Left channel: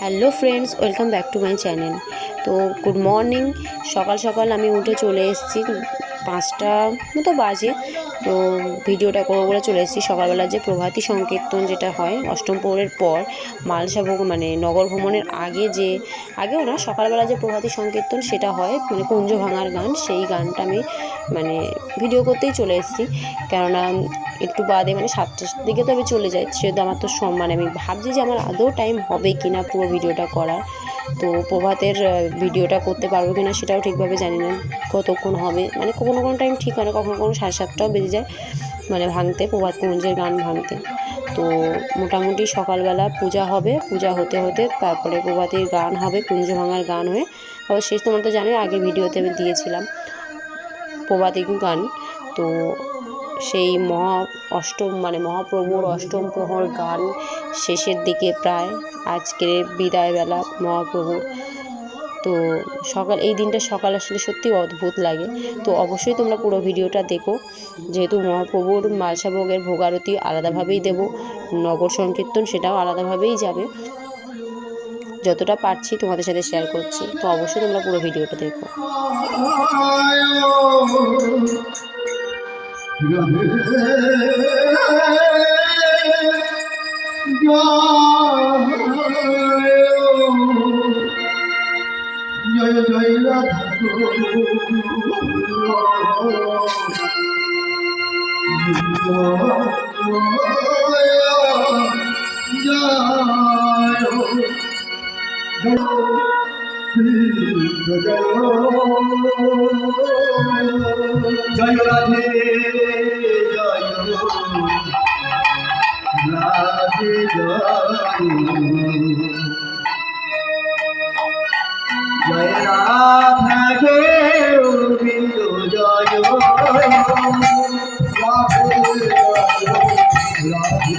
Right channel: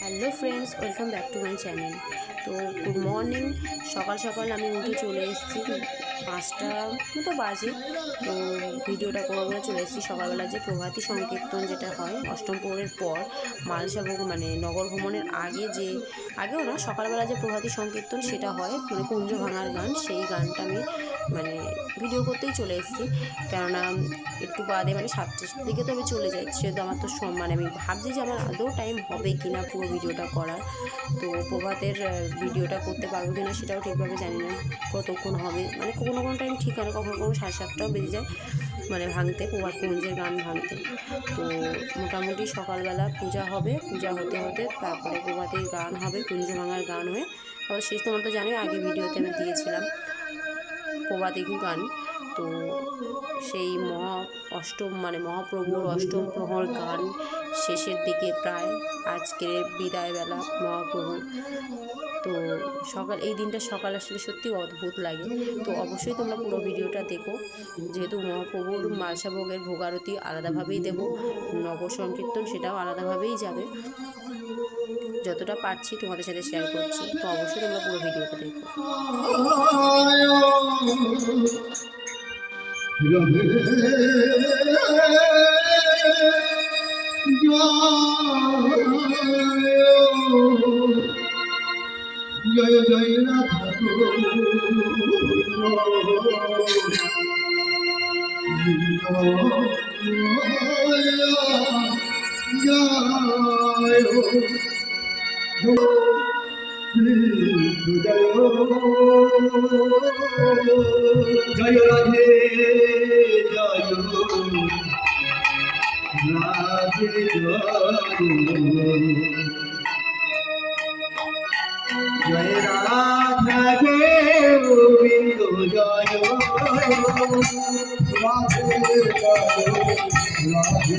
Hello friends, welcome back to my channel. তো good morning. সকাল সকাল আমি উঠে চলে এসেছি, 5টা মতো বাজে। তো ভিডিওটা করবো বলে চলে এসেছি। সকালবেলা যে প্রভাতী সংকীর্তন যেটা হয় অষ্টম প্রহরের পর মালসাভোগ মানে নগর ভ্রমণের আগেও না, সকালবেলা যে প্রভাতী সংকীর্তন সেটা হয়, মানে কুঞ্জ ভাঙার গান, সেই গানটা আমি মানে ভিডিও করতেই চলে এসেছি। কেননা একটু বাদে মানে 7টার দিকে তো আমি চলে যাই, সেহেতু আমার তো মানে আমি ভাবছি যে আমার আদৌ টাইম হবে কি না পুরো ভিডিওটা করার। তো প্রভাতের ভিডিওটা করতে পারবো কি না সেটাও ঠিকভাবে জানি না কতক্ষণ হবে, মানে কোনো টাইম ঠিক হয় না, কখনো 7:30টাও বেজে যায় মানে ভাঙতে, প্রভাত কুঞ্জের গান ভাঙতে। তো মোটামুটি সকালবেলা পূজা হবে, পূজা হতে হতে তারপরে প্রভাতের গান হবে, কুঞ্জ ভাঙার গান হয়ে শেষ। তোমরা তো জানোই, আগে ভিডিওতে আমি দিয়েছিলাম প্রভাতী গান। তো সেই মহাপ্রভুর অষ্টম প্রহর গান শেষের দিকে প্রায়, আজকের বিদায়বেলা মহাপ্রভুর। তো এই দিনটা সকাল আসলে সত্যি অদ্ভুত লাগে। তো অবশ্যই তোমরা পুরো ভিডিওটা দেখো, যেহেতু মহাপ্রভুর মালসাভোগের ভোগারতি আলাদাভাবেই দেব, নগর সংকীর্তন সেটাও আলাদাভাবেই যাবে। যতটা পারছি তোমাদের সাথে শেয়ার করছি, তো অবশ্যই তোমরা পুরো ভিডিওটা দেখো। জয় জয় রাধা জয় রাধে জয় রাধে জয় রাধা গোবিন্দ জয় রাধে রাধে রাধা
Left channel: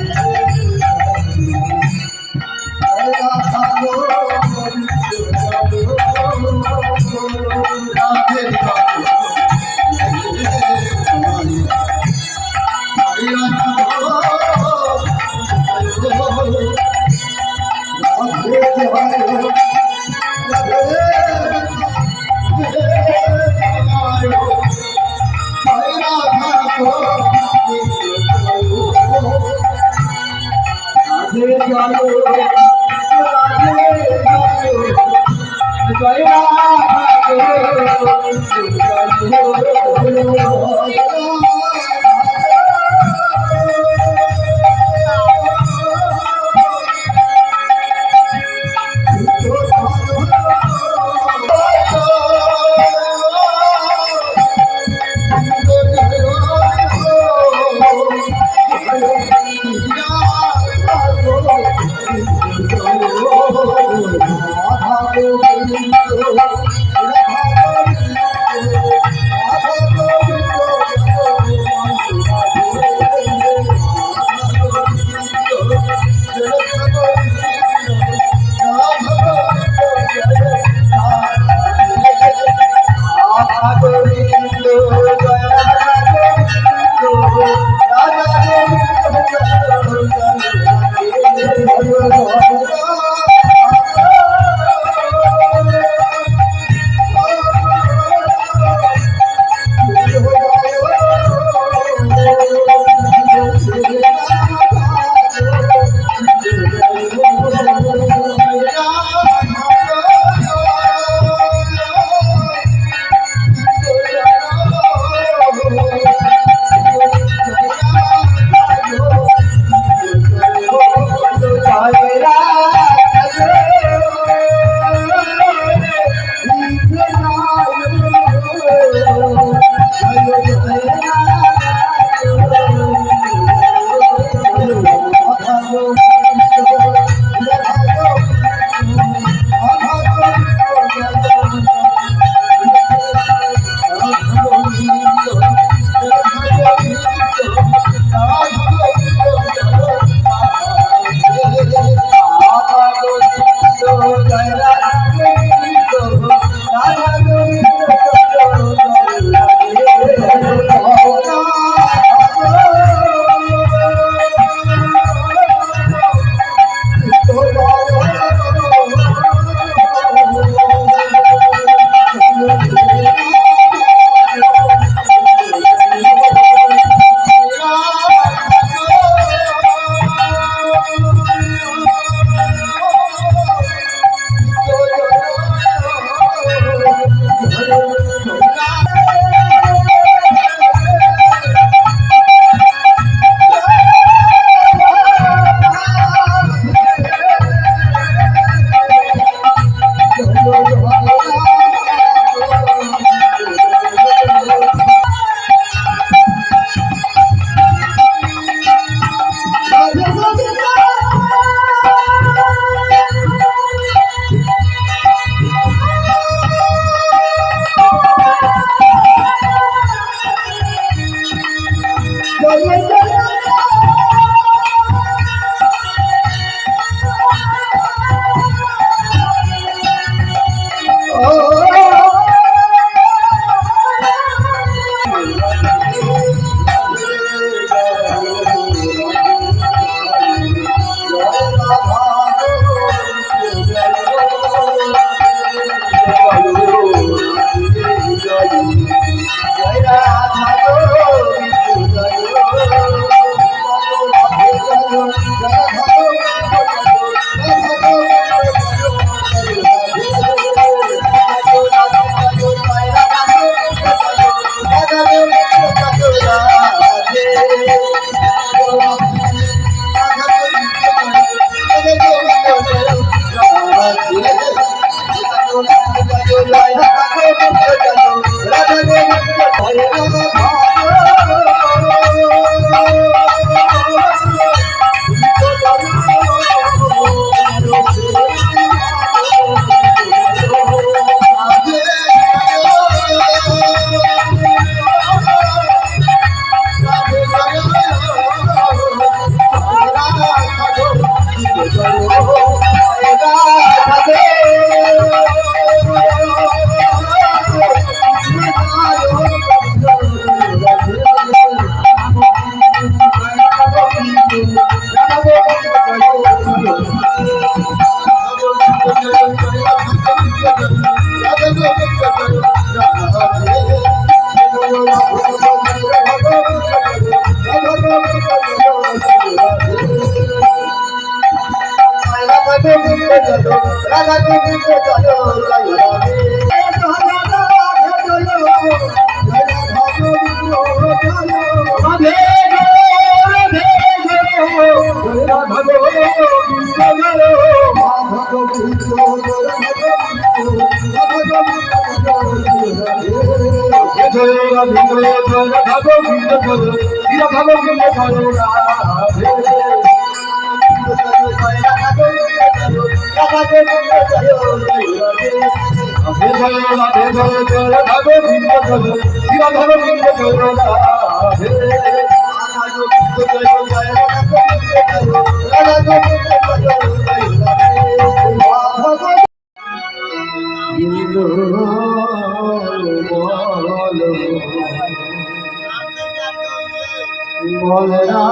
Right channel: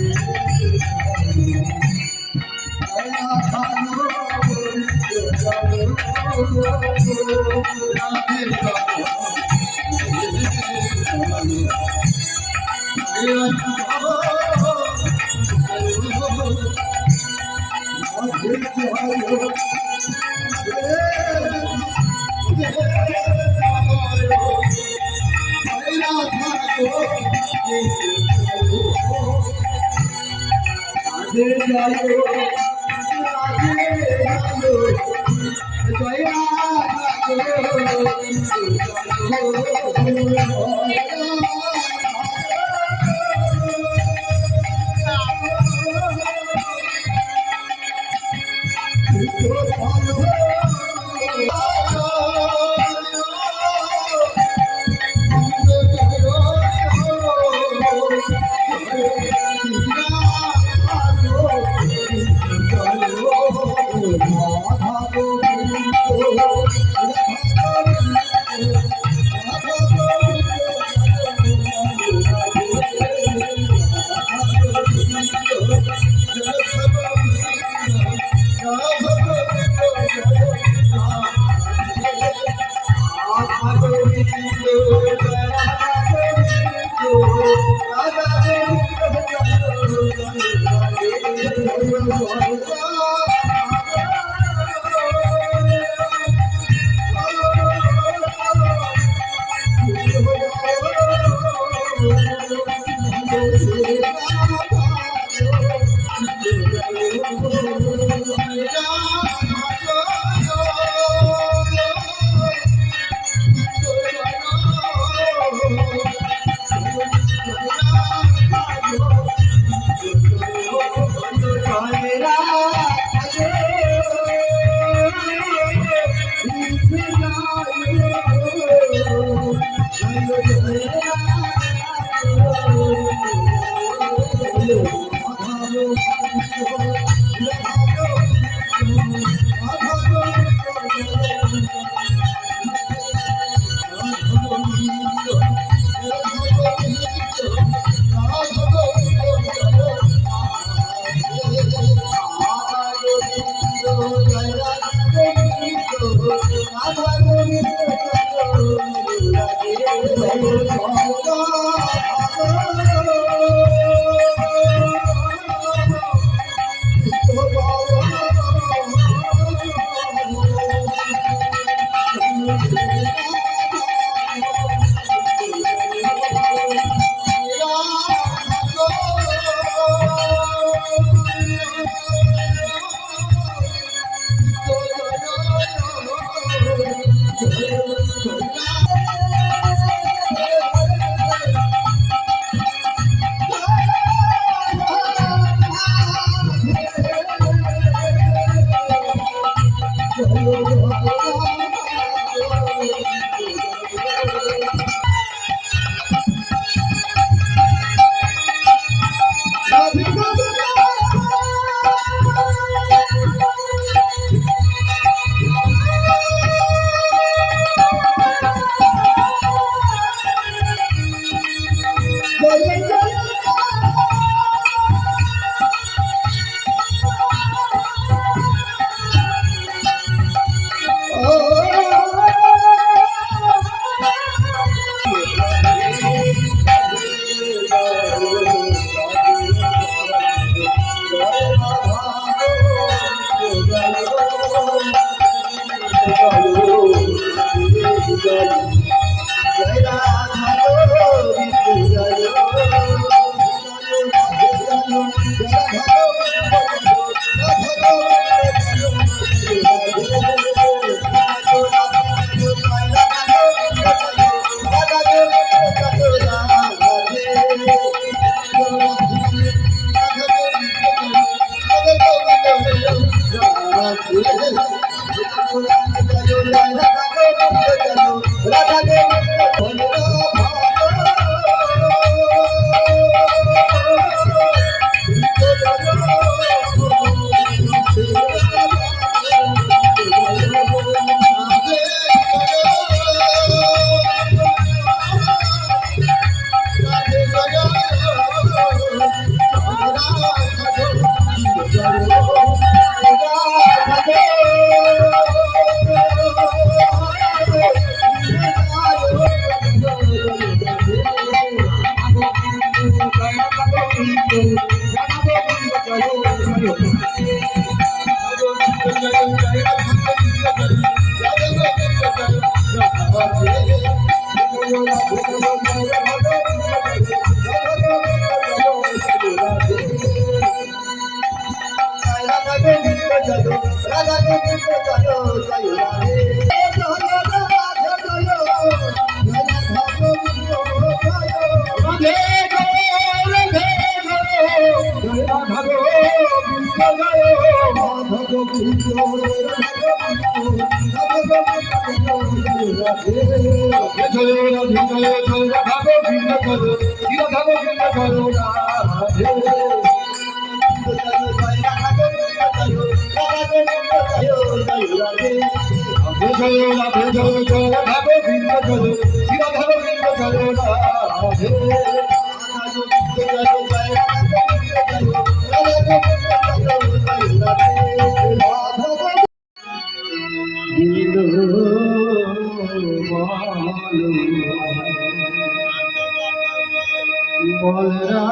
বলরা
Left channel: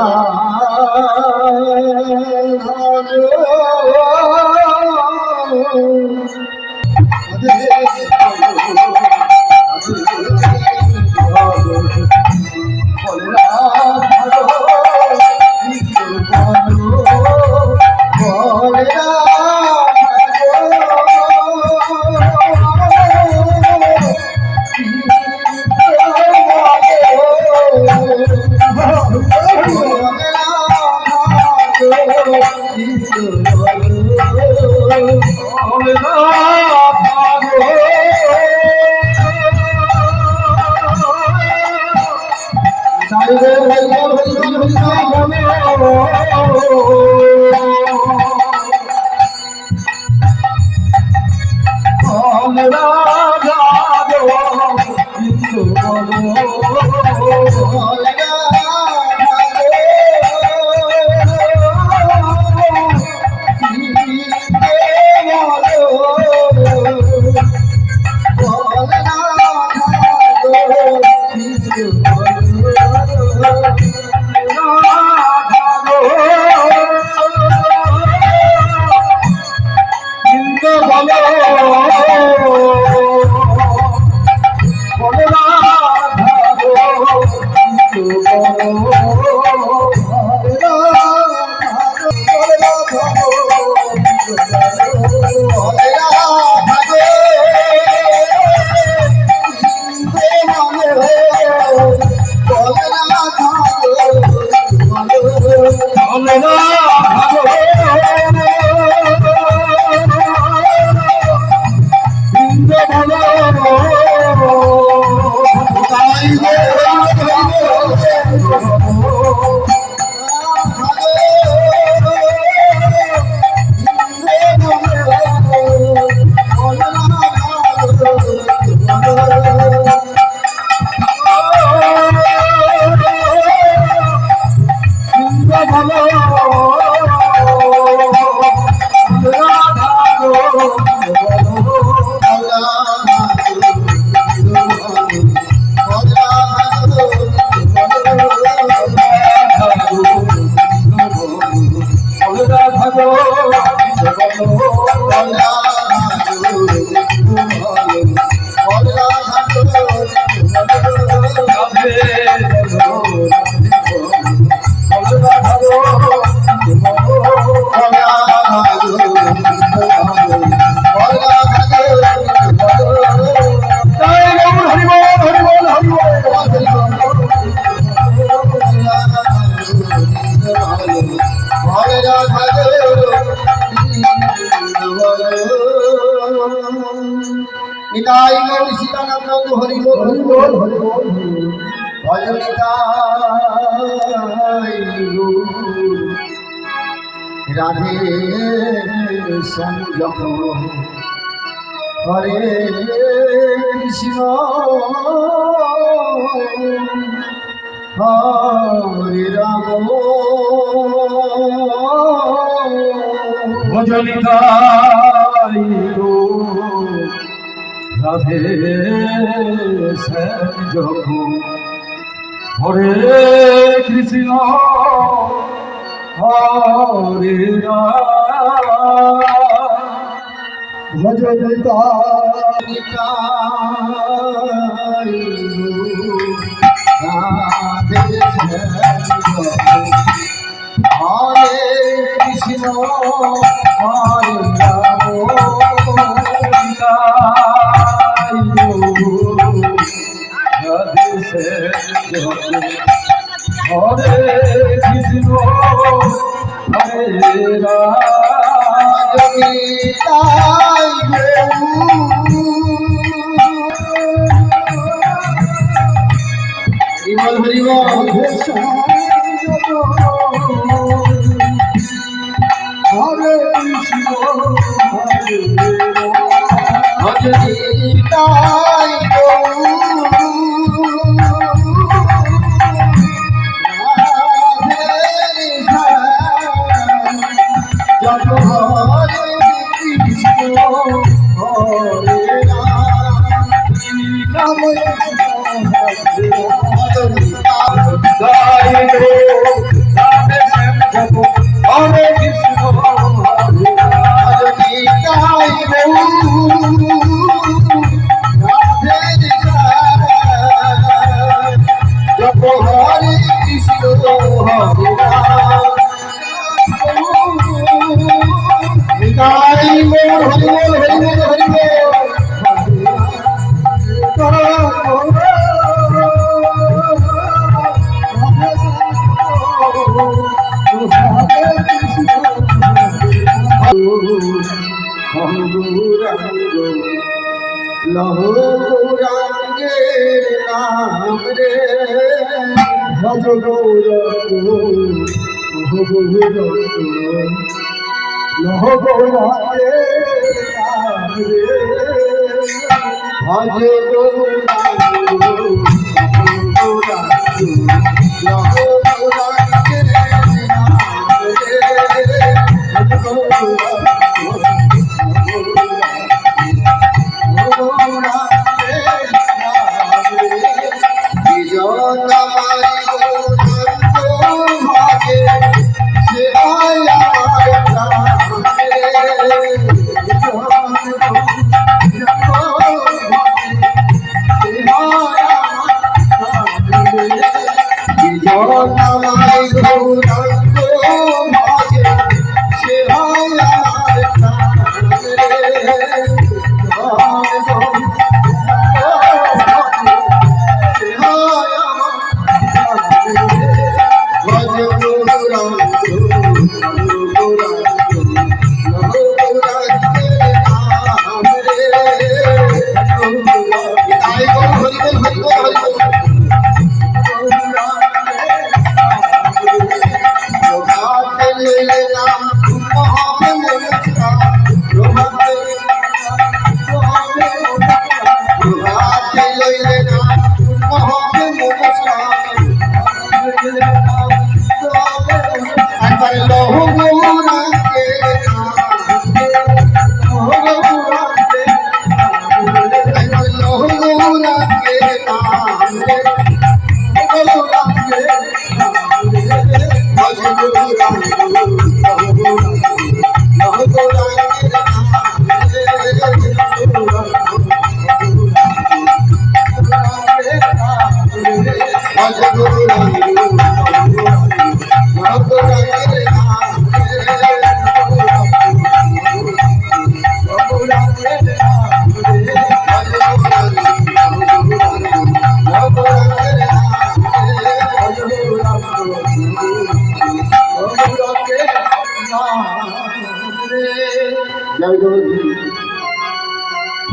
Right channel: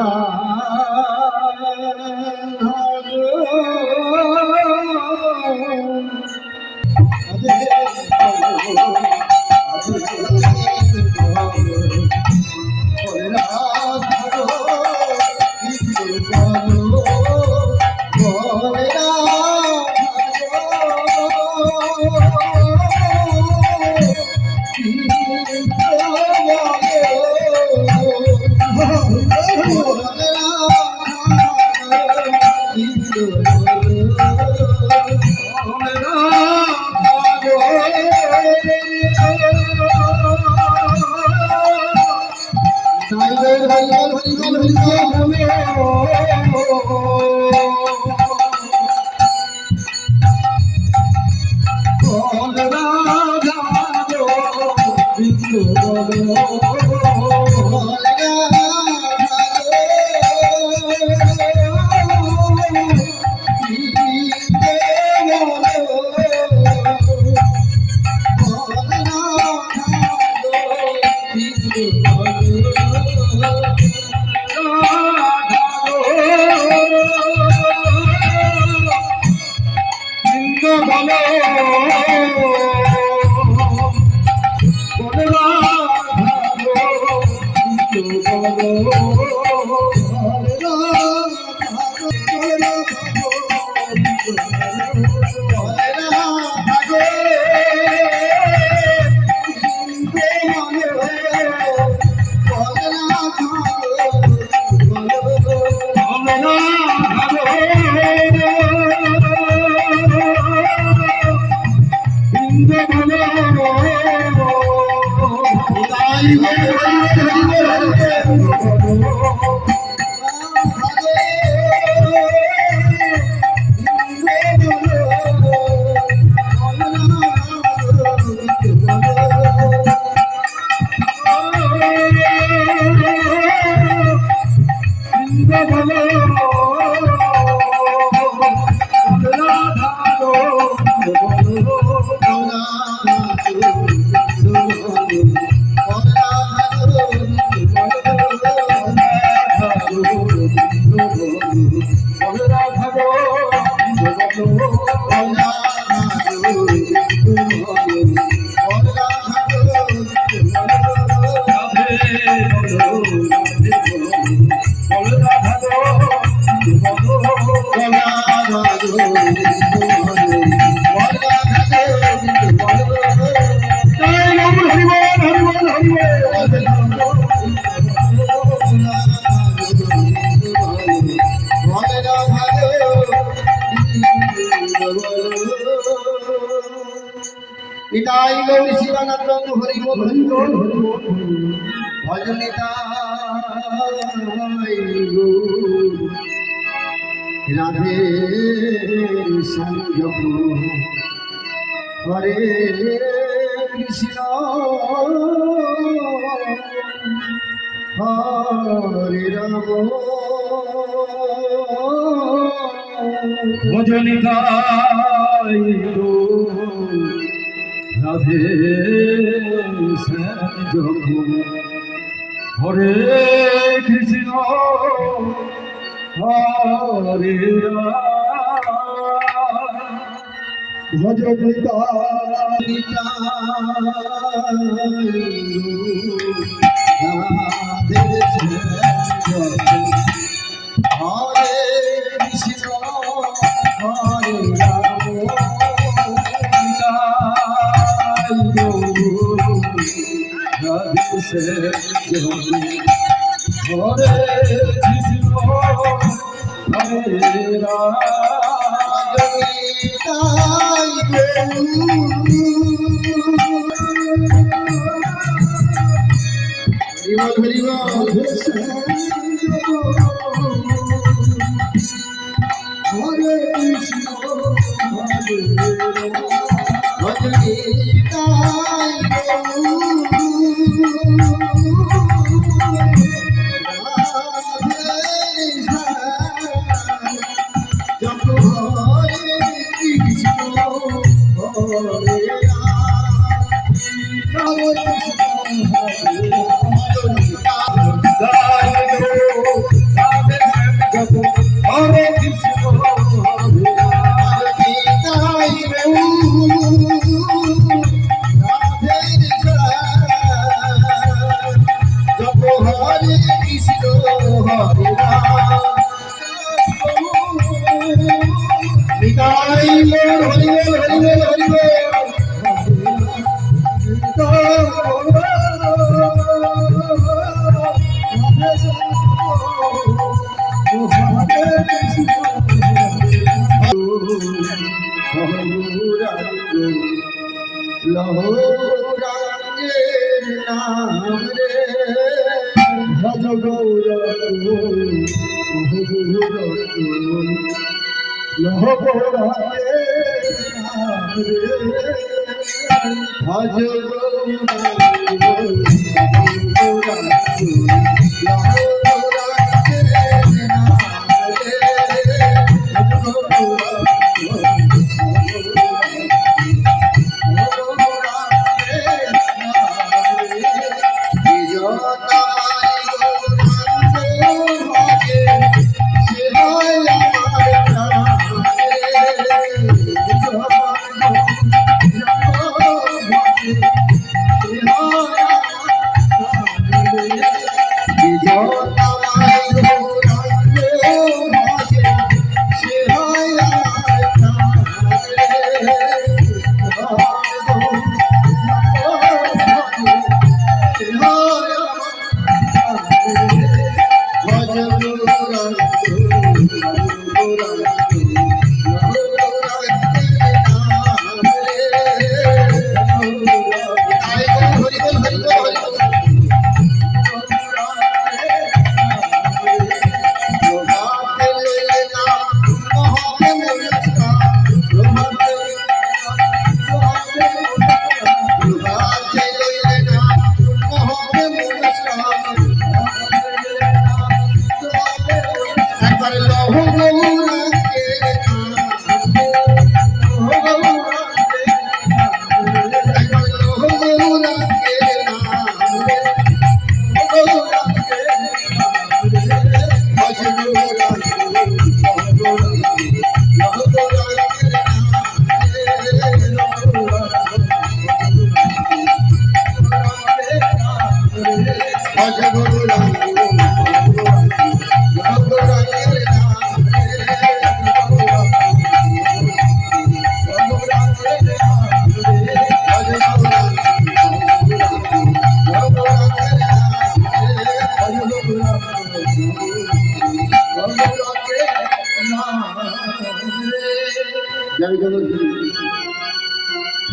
নিতাই গৌরী শিবানন্দ হরি বল হরি বল হরি বল ভজ নিতাই গৌর রাধে সংযম হরে কৃষ্ণ হরে রাম ভজনিতাই গো রাধে শ্যাম যখন হরে কৃষ্ণ হরে রাম ভজনিতাই রাধে শ্যাম হরে কৃষ্ণ হরে রাম রাধে শ্যাম হরে কৃষ্ণ হরে রাম হরে কৃষ্ণ হরে ভজনি তাই যত হরে কৃষ্ণ হরে রাম হরে কৃষ্ণ লহরাঙ্গের নাম রে ভজ গৌর লহ গৌরাঙ্গের নাম রে ভজ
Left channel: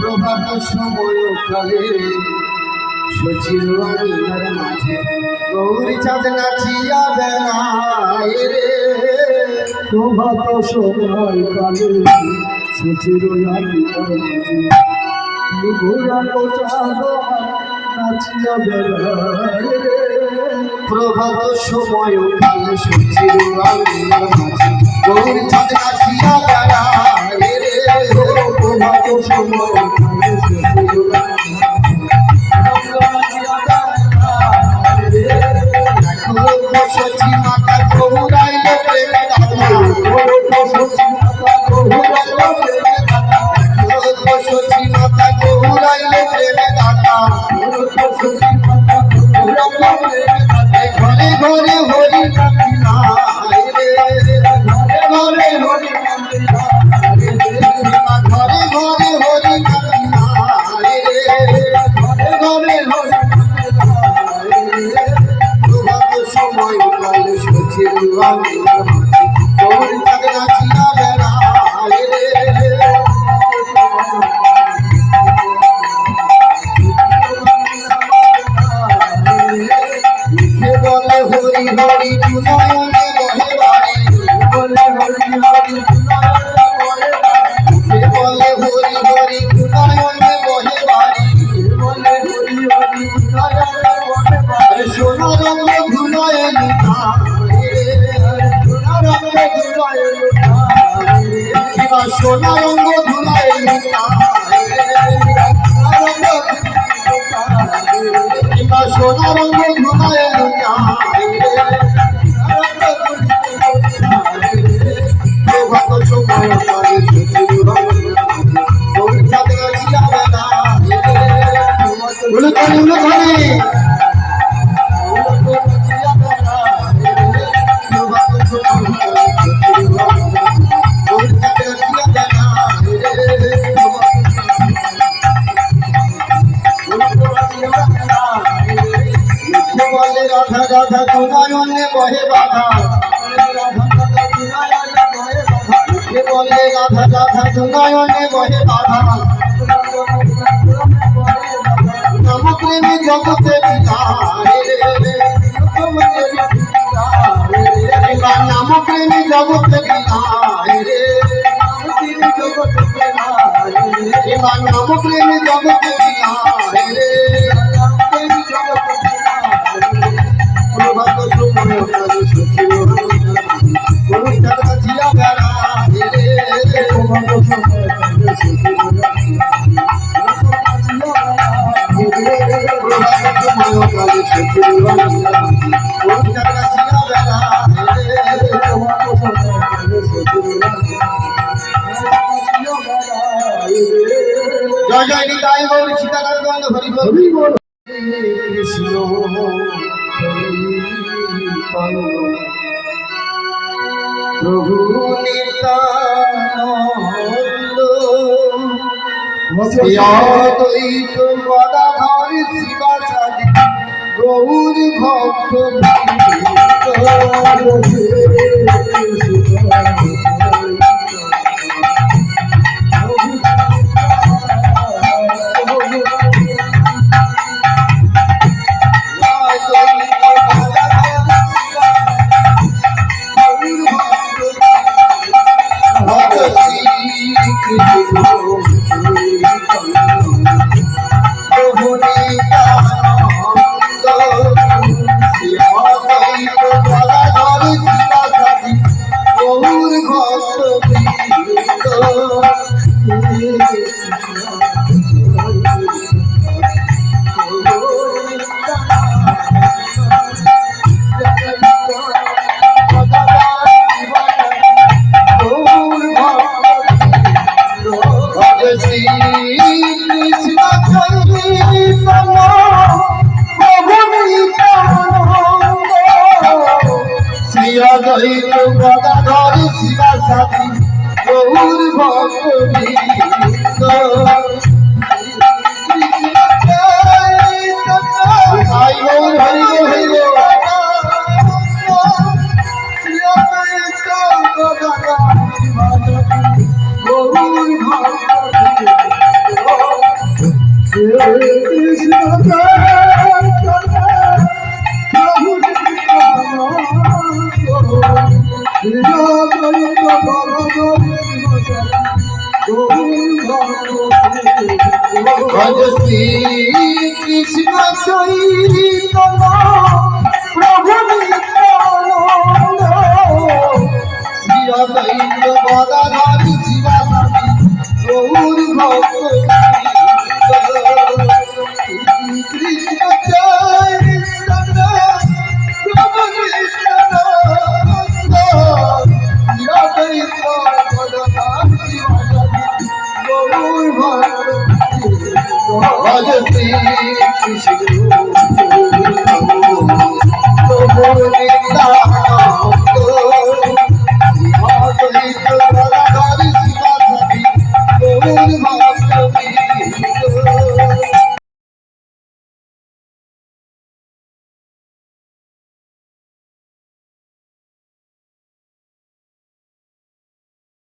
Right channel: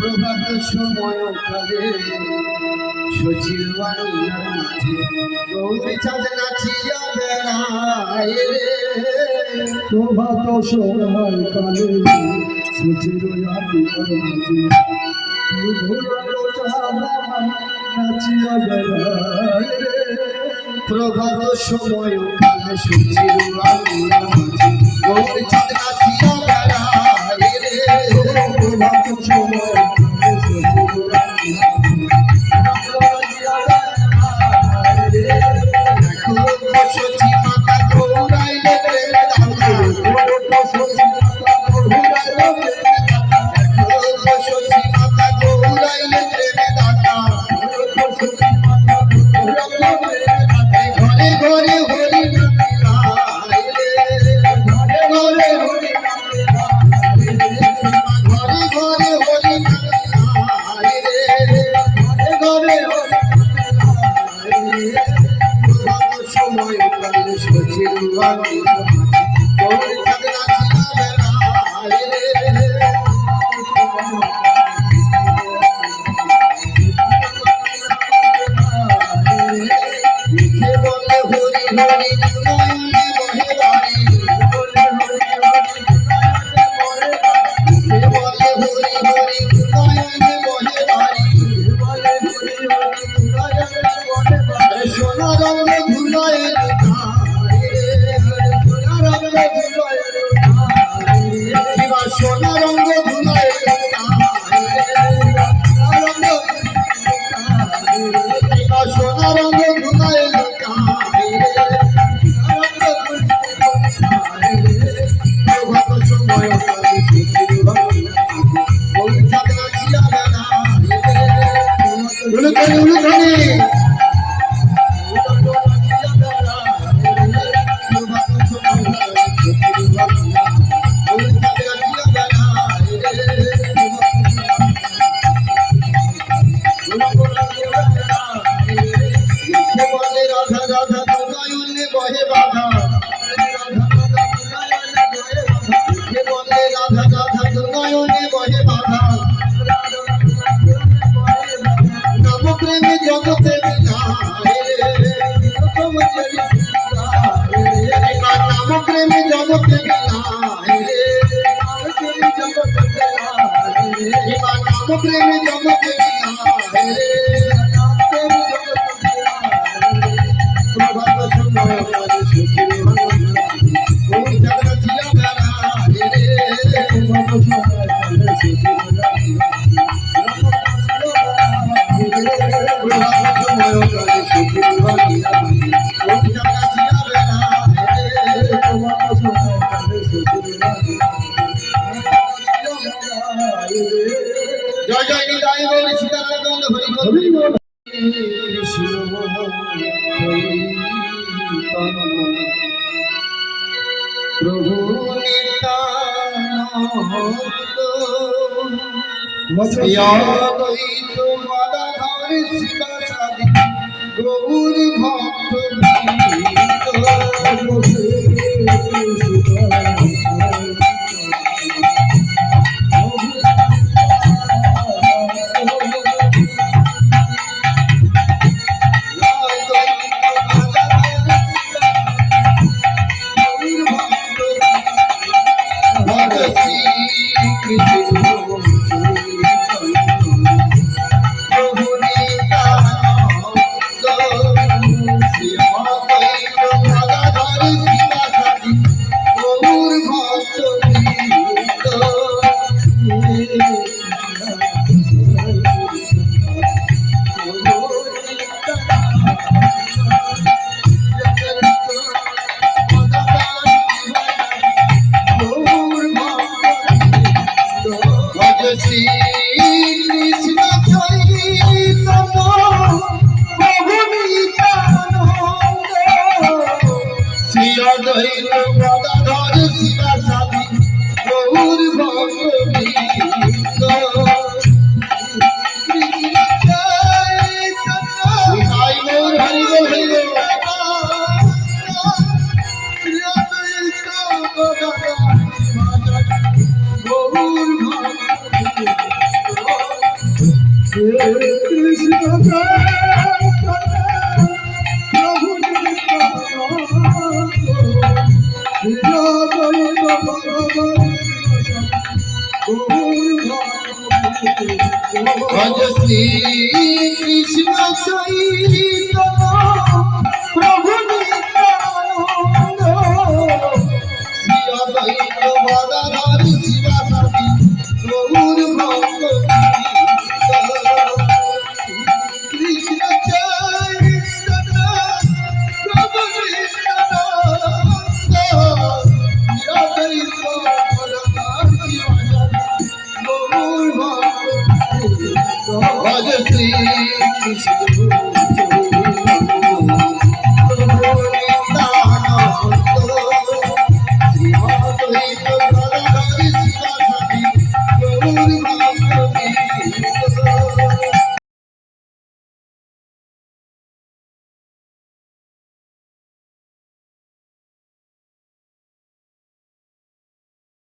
প্রভাত সময় কালে সচির আঙিনার মাঝে গৌরী চাঁদ নাচিয়া বেড়ায় রে। প্রভাত সময় কালে সচির আঙিনার মাঝে ঘোরানো চাঁদ নাচিয়া বেড়ায় রে। প্রভাত সময় কালে সচির আঙিনার মাঝে গৌরী চাঁদ নাচিয়া বেড়ায় সোনা রঙ্গ ধুলায় সোনা রঙ্গ ধুলায় প্রভাত সময় উলুধনি উলুধনি বলে রাধা রাধা তোমায়নে বহে বাধা বলে রাধা রাধা তোমায়নে বহে বাধা নম প্রেমে জগতে নাম প্রেমে জগতে নাম প্রেমে জগতে প্রভাত সময় জিয়া বেড়া জয় জয় নিতাই গৌর সীতারাম হরি হরি বল কৃষ্ণ প্রভু নিত্যানন্দ অদ্বৈত গদাধর শিবাসাদি গৌর ভক্ত গদাধর শিবাসাদি গৌর ভক্তি শ্রী কৃষ্ণ চৈতন্য প্রভু নিত্যানন্দ শ্রী অদ্বৈত গদাধর শিবাসাদি গৌর ভক্ত কৃষ্ণ চৈতন্য প্রভু নিত্যানন্দ শ্রী অদ্বৈত গদাধর শিবাসাদি গৌর ভক্ত Krishna